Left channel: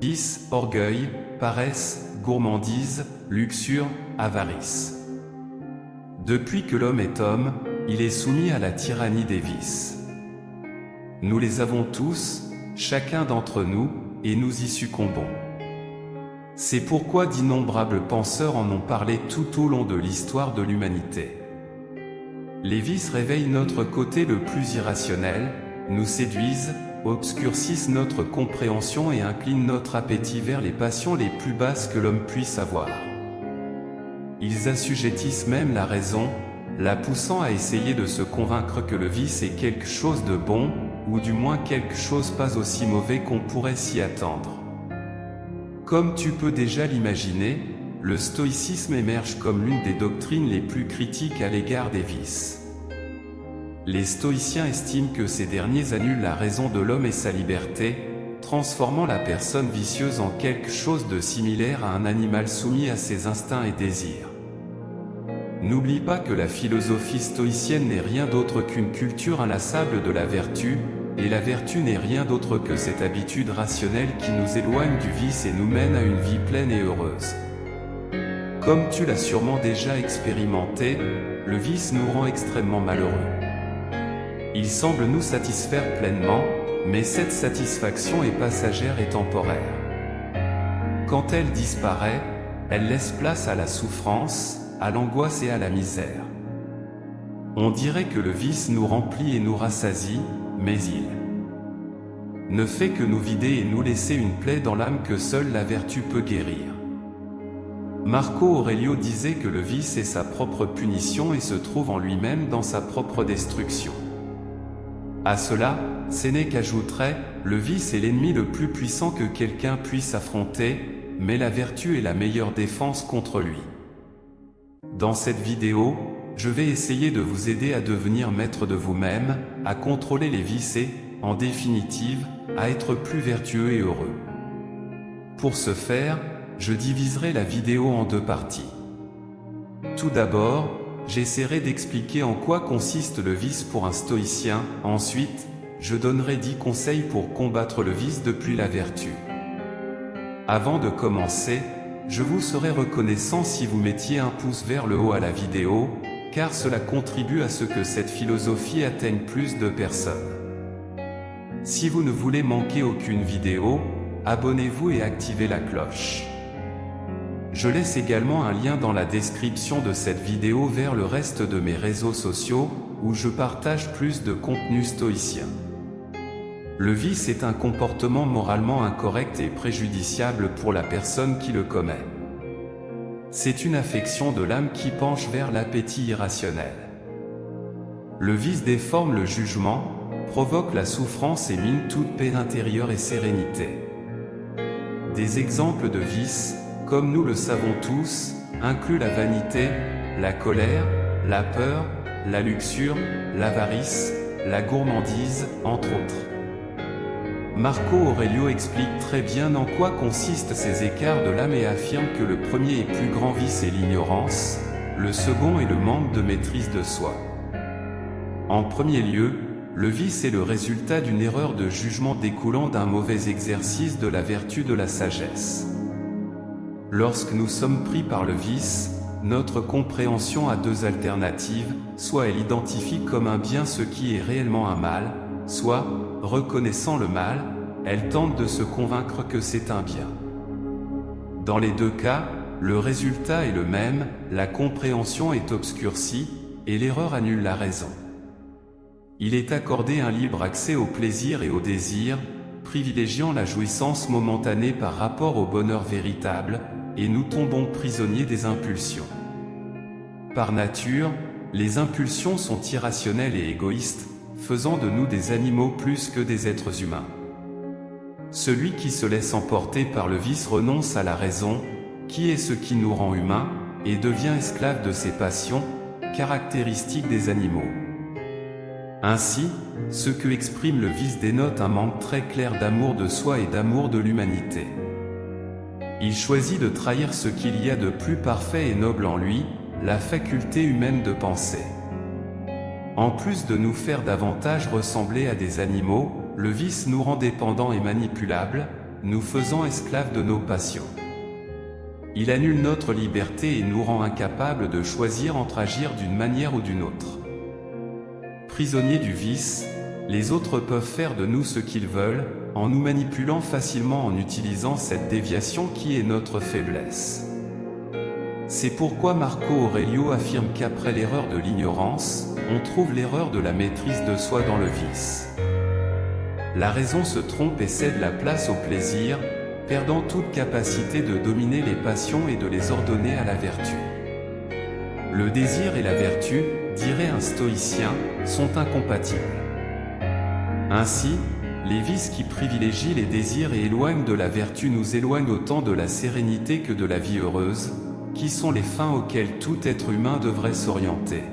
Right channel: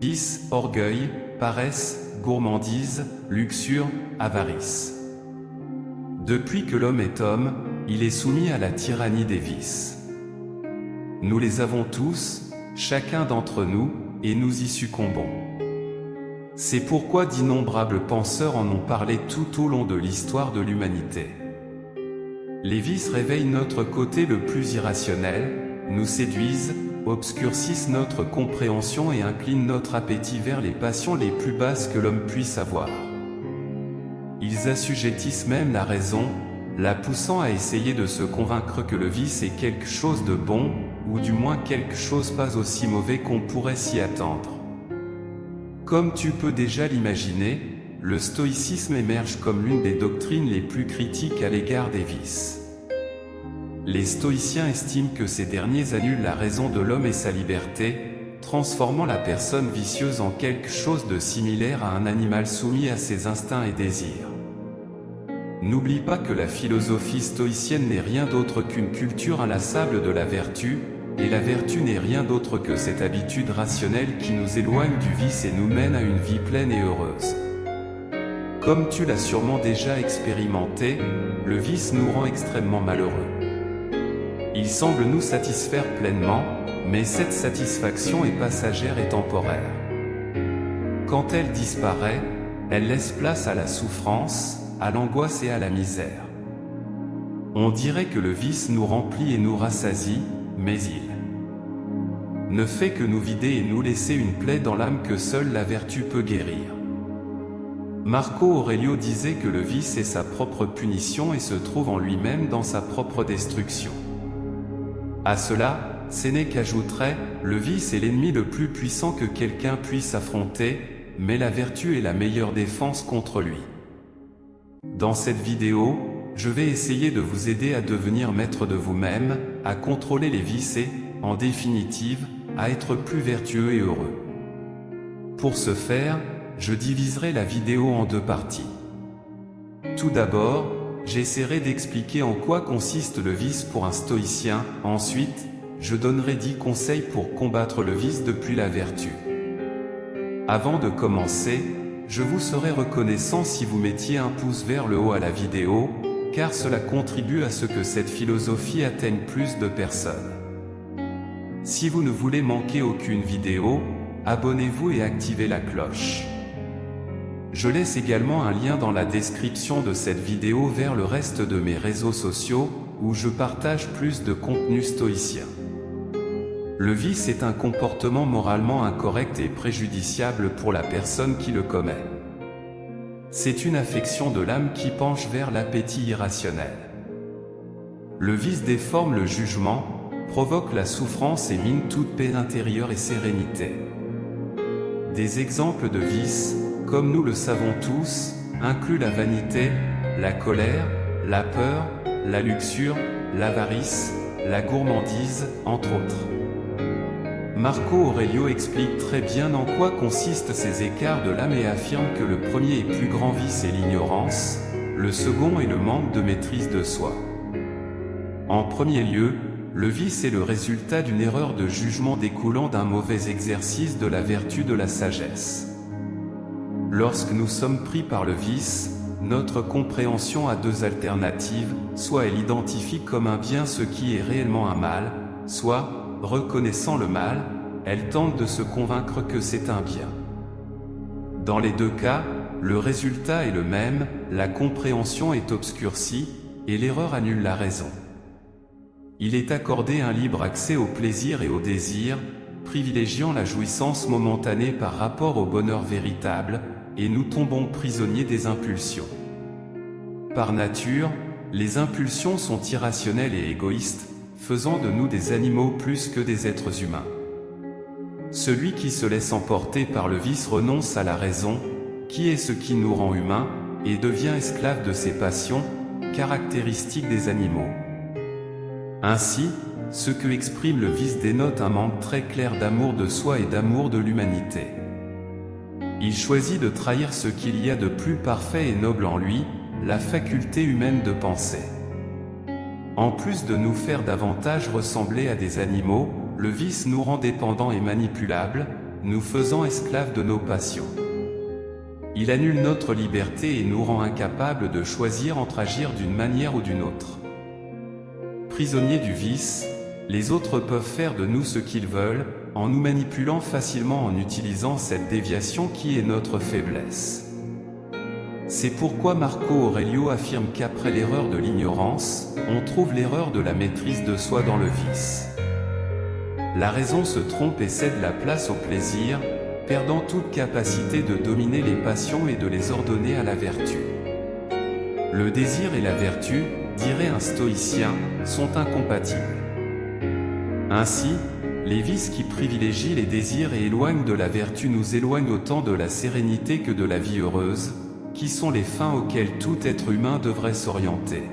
Vice, orgueil, paresse, gourmandise, luxure, avarice. Depuis que l'homme est homme, il est soumis à la tyrannie des vices. Nous les avons tous, chacun d'entre nous, et nous y succombons. C'est pourquoi d'innombrables penseurs en ont parlé tout au long de l'histoire de l'humanité. Les vices réveillent notre côté le plus irrationnel, nous séduisent, obscurcissent notre compréhension et inclinent notre appétit vers les passions les plus basses que l'homme puisse avoir. Ils assujettissent même la raison, la poussant à essayer de se convaincre que le vice est quelque chose de bon, ou du moins quelque chose pas aussi mauvais qu'on pourrait s'y attendre. Comme tu peux déjà l'imaginer, le stoïcisme émerge comme l'une des doctrines les plus critiques à l'égard des vices. Les stoïciens estiment que ces derniers annulent la raison de l'homme et sa liberté, transformant la personne vicieuse en quelque chose de similaire à un animal soumis à ses instincts et désirs. N'oublie pas que la philosophie stoïcienne n'est rien d'autre qu'une culture inlassable de la vertu, et la vertu n'est rien d'autre que cette habitude rationnelle qui nous éloigne du vice et nous mène à une vie pleine et heureuse. Comme tu l'as sûrement déjà expérimenté, le vice nous rend extrêmement malheureux. Il semble nous satisfaire pleinement, mais cette satisfaction est passagère et temporaire. Quand elle disparaît, elle laisse place à la souffrance, à l'angoisse et à la misère. On dirait que le vice nous remplit et nous rassasie, mais il ne fait que nous vider et nous laisser une plaie dans l'âme que seule la vertu peut guérir. Marco Aurelio disait que le vice est sa propre punition et se trouve en lui-même dans sa propre destruction. À cela, Sénèque ajouterait, le vice est l'ennemi le plus puissant que quelqu'un puisse affronter, mais la vertu est la meilleure défense contre lui. Dans cette vidéo, je vais essayer de vous aider à devenir maître de vous-même, à contrôler les vices et, en définitive, à être plus vertueux et heureux. Pour ce faire, je diviserai la vidéo en deux parties. Tout d'abord, j'essaierai d'expliquer en quoi consiste le vice pour un stoïcien. Ensuite, je donnerai 10 conseils pour combattre le vice depuis la vertu. Avant de commencer, je vous serais reconnaissant si vous mettiez un pouce vers le haut à la vidéo, car cela contribue à ce que cette philosophie atteigne plus de personnes. Si vous ne voulez manquer aucune vidéo, abonnez-vous et activez la cloche. Je laisse également un lien dans la description de cette vidéo vers le reste de mes réseaux sociaux, où je partage plus de contenu stoïcien. Le vice est un comportement moralement incorrect et préjudiciable pour la personne qui le commet. C'est une affection de l'âme qui penche vers l'appétit irrationnel. Le vice déforme le jugement, provoque la souffrance et mine toute paix intérieure et sérénité. Des exemples de vices, comme nous le savons tous, incluent la vanité, la colère, la peur, la luxure, l'avarice, la gourmandise, entre autres. Marco Aurelio explique très bien en quoi consistent ces écarts de l'âme et affirme que le premier et plus grand vice est l'ignorance, le second est le manque de maîtrise de soi. En premier lieu, le vice est le résultat d'une erreur de jugement découlant d'un mauvais exercice de la vertu de la sagesse. Lorsque nous sommes pris par le vice, notre compréhension a deux alternatives, soit elle identifie comme un bien ce qui est réellement un mal, soit, reconnaissant le mal, elle tente de se convaincre que c'est un bien. Dans les deux cas, le résultat est le même, la compréhension est obscurcie, et l'erreur annule la raison. Il est accordé un libre accès au plaisir et au désir, privilégiant la jouissance momentanée par rapport au bonheur véritable, et nous tombons prisonniers des impulsions. Par nature, les impulsions sont irrationnelles et égoïstes, faisant de nous des animaux plus que des êtres humains. Celui qui se laisse emporter par le vice renonce à la raison, qui est ce qui nous rend humains, et devient esclave de ses passions, caractéristiques des animaux. Ainsi, ce que exprime le vice dénote un manque très clair d'amour de soi et d'amour de l'humanité. Il choisit de trahir ce qu'il y a de plus parfait et noble en lui, la faculté humaine de penser. En plus de nous faire davantage ressembler à des animaux, le vice nous rend dépendants et manipulables, nous faisant esclaves de nos passions. Il annule notre liberté et nous rend incapables de choisir entre agir d'une manière ou d'une autre. Prisonniers du vice, les autres peuvent faire de nous ce qu'ils veulent, en nous manipulant facilement en utilisant cette déviation qui est notre faiblesse. C'est pourquoi Marco Aurelio affirme qu'après l'erreur de l'ignorance, on trouve l'erreur de la maîtrise de soi dans le vice. La raison se trompe et cède la place au plaisir, perdant toute capacité de dominer les passions et de les ordonner à la vertu. Le désir et la vertu, dirait un stoïcien, sont incompatibles. Ainsi, les vices qui privilégient les désirs et éloignent de la vertu nous éloignent autant de la sérénité que de la vie heureuse, qui sont les fins auxquelles tout être humain devrait s'orienter.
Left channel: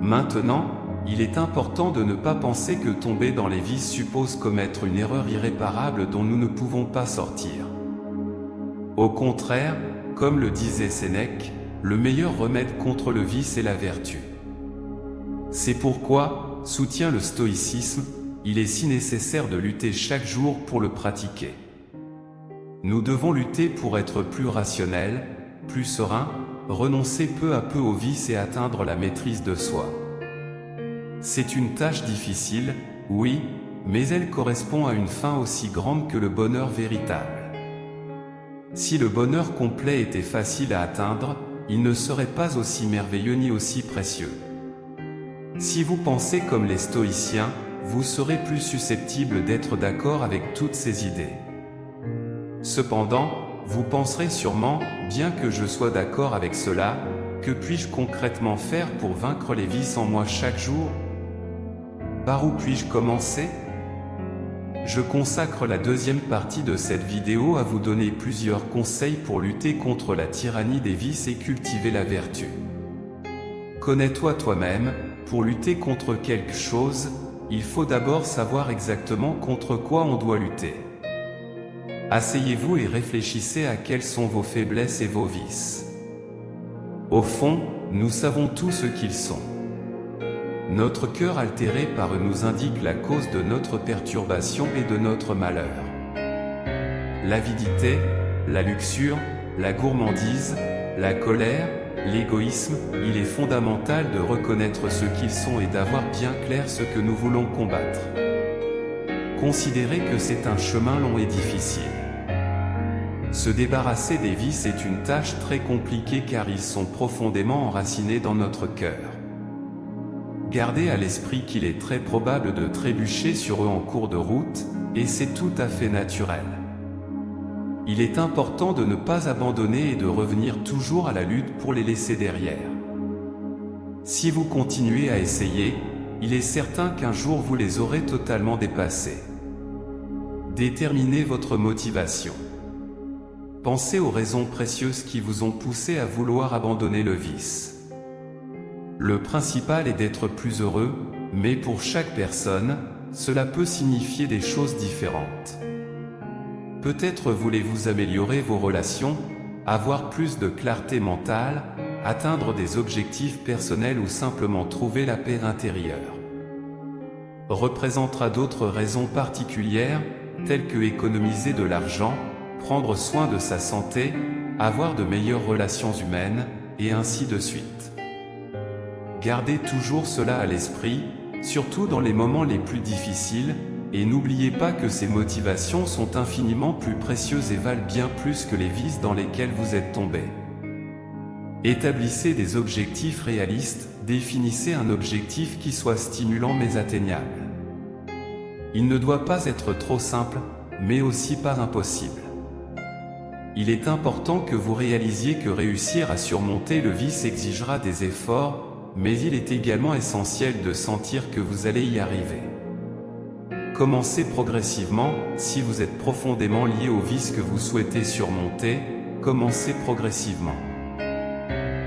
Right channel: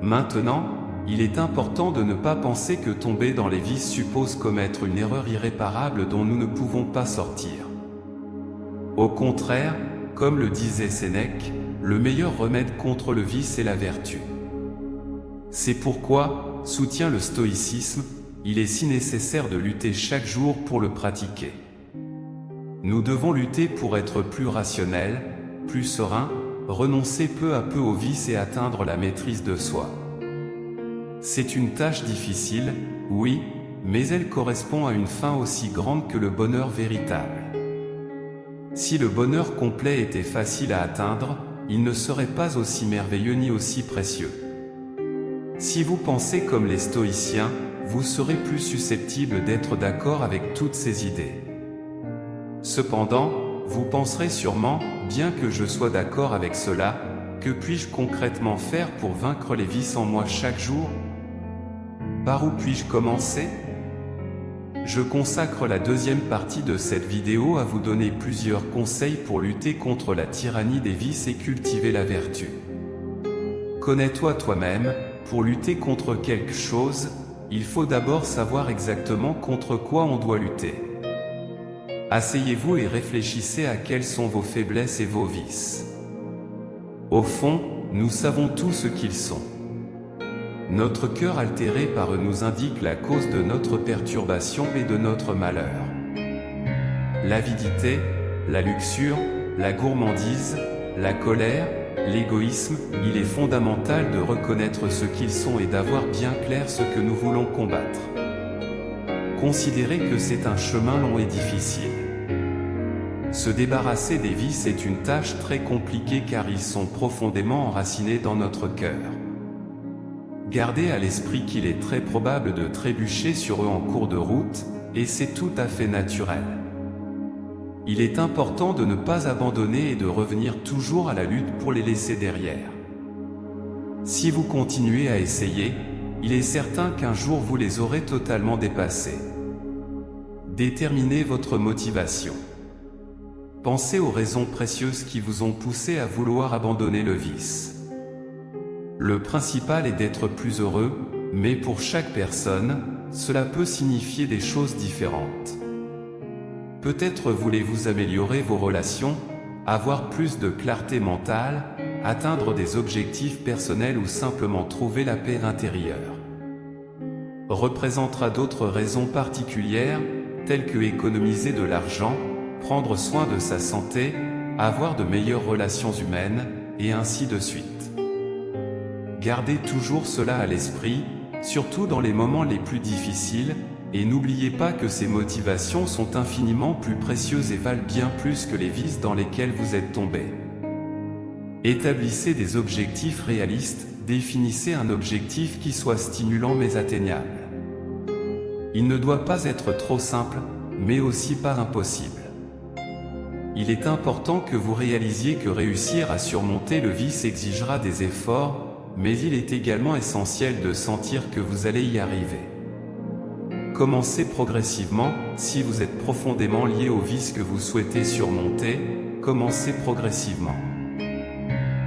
Maintenant, il est important de ne pas penser que tomber dans les vices suppose commettre une erreur irréparable dont nous ne pouvons pas sortir. Au contraire, comme le disait Sénèque, le meilleur remède contre le vice est la vertu. C'est pourquoi, soutient le stoïcisme, il est si nécessaire de lutter chaque jour pour le pratiquer. Nous devons lutter pour être plus rationnels, plus sereins, renoncer peu à peu au vice et atteindre la maîtrise de soi. C'est une tâche difficile, oui, mais elle correspond à une fin aussi grande que le bonheur véritable. Si le bonheur complet était facile à atteindre, il ne serait pas aussi merveilleux ni aussi précieux. Si vous pensez comme les stoïciens, vous serez plus susceptible d'être d'accord avec toutes ces idées. Cependant, vous penserez sûrement, bien que je sois d'accord avec cela, que puis-je concrètement faire pour vaincre les vices en moi chaque jour? Par où puis-je commencer? Je consacre la deuxième partie de cette vidéo à vous donner plusieurs conseils pour lutter contre la tyrannie des vices et cultiver la vertu. Connais-toi toi-même, pour lutter contre quelque chose, il faut d'abord savoir exactement contre quoi on doit lutter. Asseyez-vous et réfléchissez à quelles sont vos faiblesses et vos vices. Au fond, nous savons tous ce qu'ils sont. Notre cœur altéré par eux nous indique la cause de notre perturbation et de notre malheur. L'avidité, la luxure, la gourmandise, la colère, l'égoïsme, il est fondamental de reconnaître ce qu'ils sont et d'avoir bien clair ce que nous voulons combattre. Considérez que c'est un chemin long et difficile. Se débarrasser des vices est une tâche très compliquée car ils sont profondément enracinés dans notre cœur. Gardez à l'esprit qu'il est très probable de trébucher sur eux en cours de route, et c'est tout à fait naturel. Il est important de ne pas abandonner et de revenir toujours à la lutte pour les laisser derrière. Si vous continuez à essayer, il est certain qu'un jour vous les aurez totalement dépassés. Déterminez votre motivation. Pensez aux raisons précieuses qui vous ont poussé à vouloir abandonner le vice. Le principal est d'être plus heureux, mais pour chaque personne, cela peut signifier des choses différentes. Peut-être voulez-vous améliorer vos relations, avoir plus de clarté mentale, atteindre des objectifs personnels ou simplement trouver la paix intérieure. Représentera d'autres raisons particulières, telles que économiser de l'argent, prendre soin de sa santé, avoir de meilleures relations humaines, et ainsi de suite. Gardez toujours cela à l'esprit, surtout dans les moments les plus difficiles, et n'oubliez pas que ces motivations sont infiniment plus précieuses et valent bien plus que les vices dans lesquels vous êtes tombé. Établissez des objectifs réalistes, définissez un objectif qui soit stimulant mais atteignable. Il ne doit pas être trop simple, mais aussi pas impossible. Il est important que vous réalisiez que réussir à surmonter le vice exigera des efforts, mais il est également essentiel de sentir que vous allez y arriver. Commencez progressivement, si vous êtes profondément lié au vice que vous souhaitez surmonter, commencez progressivement.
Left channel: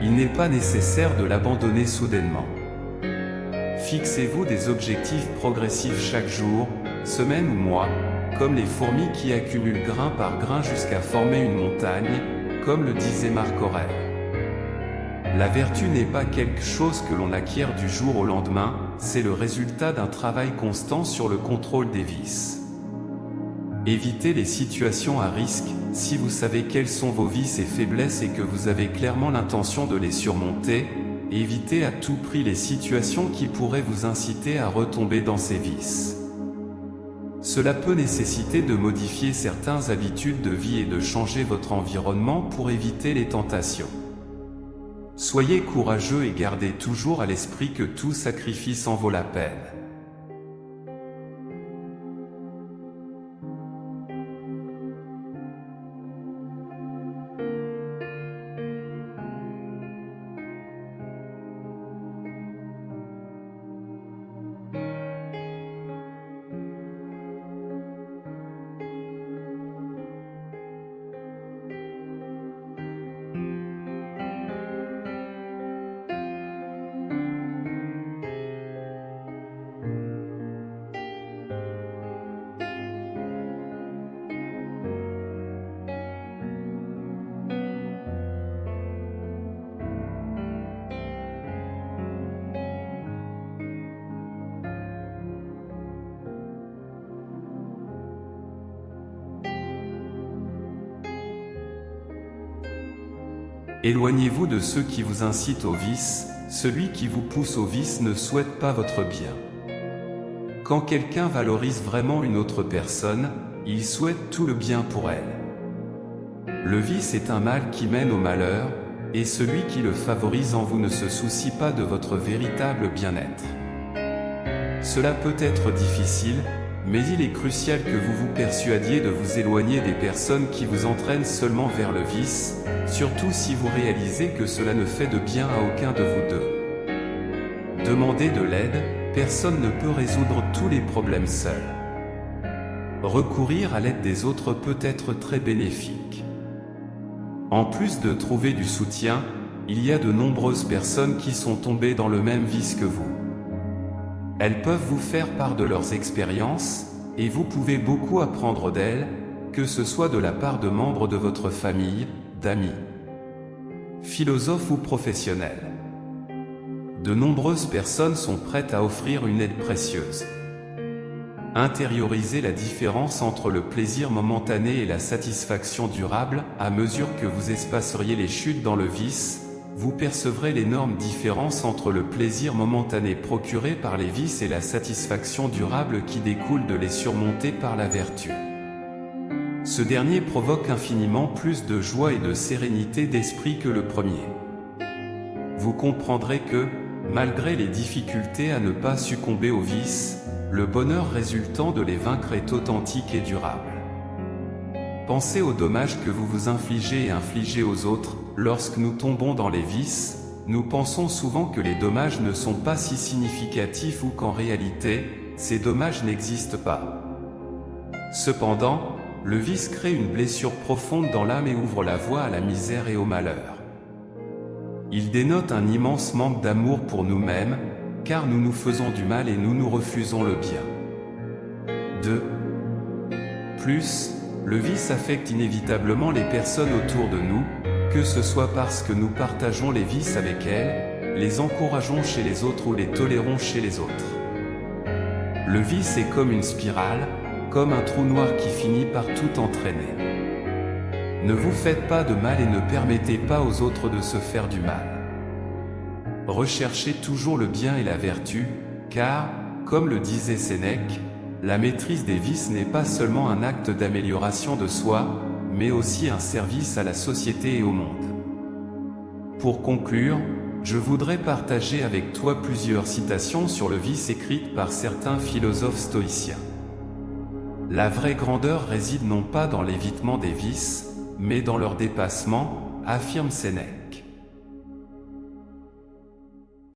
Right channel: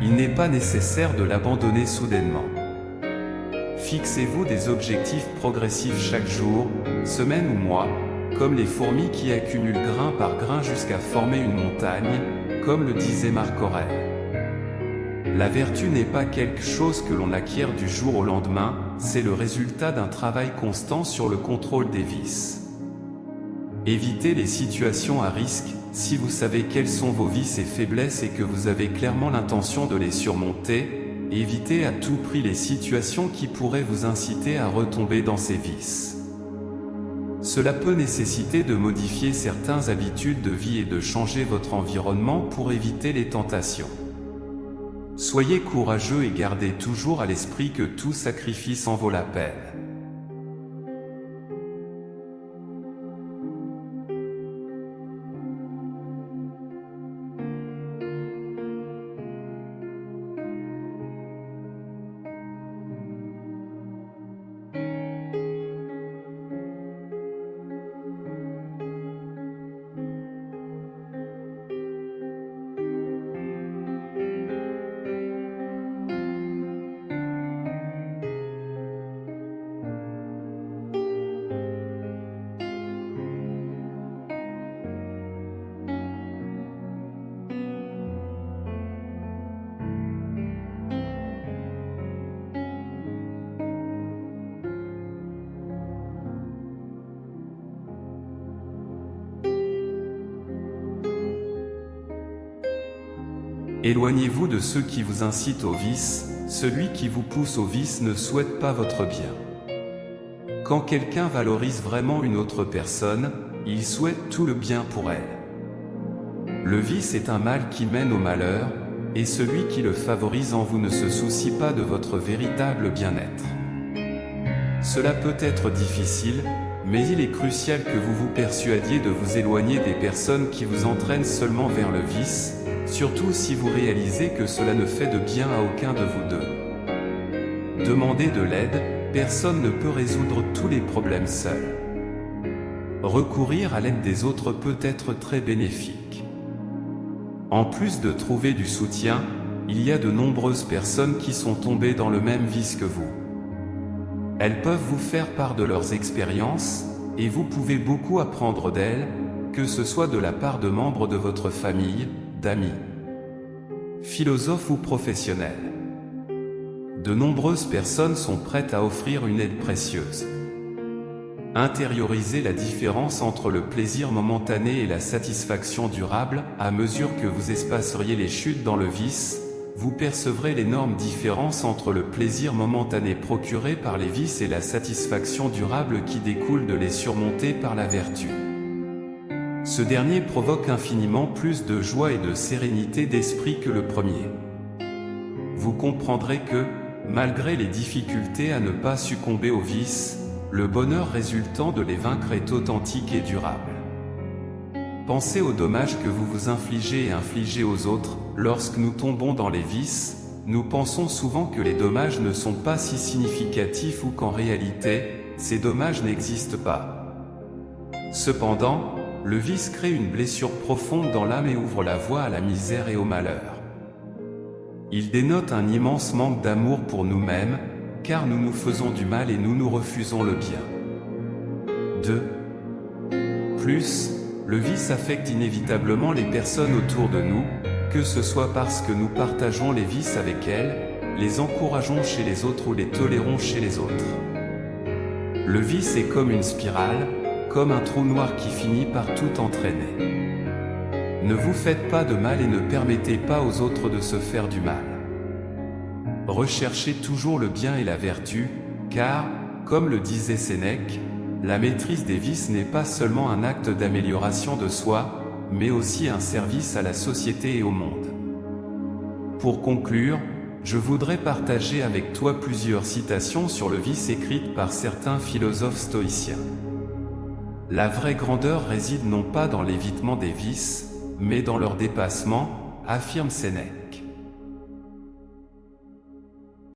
Il n'est pas nécessaire de l'abandonner soudainement. Fixez-vous des objectifs progressifs chaque jour, semaine ou mois, comme les fourmis qui accumulent grain par grain jusqu'à former une montagne, comme le disait Marc Aurèle. La vertu n'est pas quelque chose que l'on acquiert du jour au lendemain, c'est le résultat d'un travail constant sur le contrôle des vices. Évitez les situations à risque. Si vous savez quels sont vos vices et faiblesses et que vous avez clairement l'intention de les surmonter, évitez à tout prix les situations qui pourraient vous inciter à retomber dans ces vices. Cela peut nécessiter de modifier certaines habitudes de vie et de changer votre environnement pour éviter les tentations. Soyez courageux et gardez toujours à l'esprit que tout sacrifice en vaut la peine. Éloignez-vous de ceux qui vous incitent au vice. Celui qui vous pousse au vice ne souhaite pas votre bien. Quand quelqu'un valorise vraiment une autre personne, il souhaite tout le bien pour elle. Le vice est un mal qui mène au malheur, et celui qui le favorise en vous ne se soucie pas de votre véritable bien-être. Cela peut être difficile, mais il est crucial que vous vous persuadiez de vous éloigner des personnes qui vous entraînent seulement vers le vice, surtout si vous réalisez que cela ne fait de bien à aucun de vous deux. Demandez de l'aide, personne ne peut résoudre tous les problèmes seul. Recourir à l'aide des autres peut être très bénéfique. En plus de trouver du soutien, il y a de nombreuses personnes qui sont tombées dans le même vice que vous. Elles peuvent vous faire part de leurs expériences, et vous pouvez beaucoup apprendre d'elles, que ce soit de la part de membres de votre famille, d'amis, philosophes ou professionnels. De nombreuses personnes sont prêtes à offrir une aide précieuse. Intériorisez la différence entre le plaisir momentané et la satisfaction durable. À mesure que vous espaceriez les chutes dans le vice, vous percevrez l'énorme différence entre le plaisir momentané procuré par les vices et la satisfaction durable qui découle de les surmonter par la vertu. Ce dernier provoque infiniment plus de joie et de sérénité d'esprit que le premier. Vous comprendrez que, malgré les difficultés à ne pas succomber aux vices, le bonheur résultant de les vaincre est authentique et durable. Pensez aux dommages que vous vous infligez et infligez aux autres. Lorsque nous tombons dans les vices, nous pensons souvent que les dommages ne sont pas si significatifs ou qu'en réalité, ces dommages n'existent pas. Cependant, le vice crée une blessure profonde dans l'âme et ouvre la voie à la misère et au malheur. Il dénote un immense manque d'amour pour nous-mêmes, car nous nous faisons du mal et nous nous refusons le bien. 2. Plus, le vice affecte inévitablement les personnes autour de nous, que ce soit parce que nous partageons les vices avec elles, les encourageons chez les autres ou les tolérons chez les autres. Le vice est comme une spirale, comme un trou noir qui finit par tout entraîner. Ne vous faites pas de mal et ne permettez pas aux autres de se faire du mal. Recherchez toujours le bien et la vertu, car, comme le disait Sénèque, la maîtrise des vices n'est pas seulement un acte d'amélioration de soi, mais aussi un service à la société et au monde. Pour conclure, je voudrais partager avec toi plusieurs citations sur le vice écrites par certains philosophes stoïciens. La vraie grandeur réside non pas dans l'évitement des vices, mais dans leur dépassement, affirme Sénèque.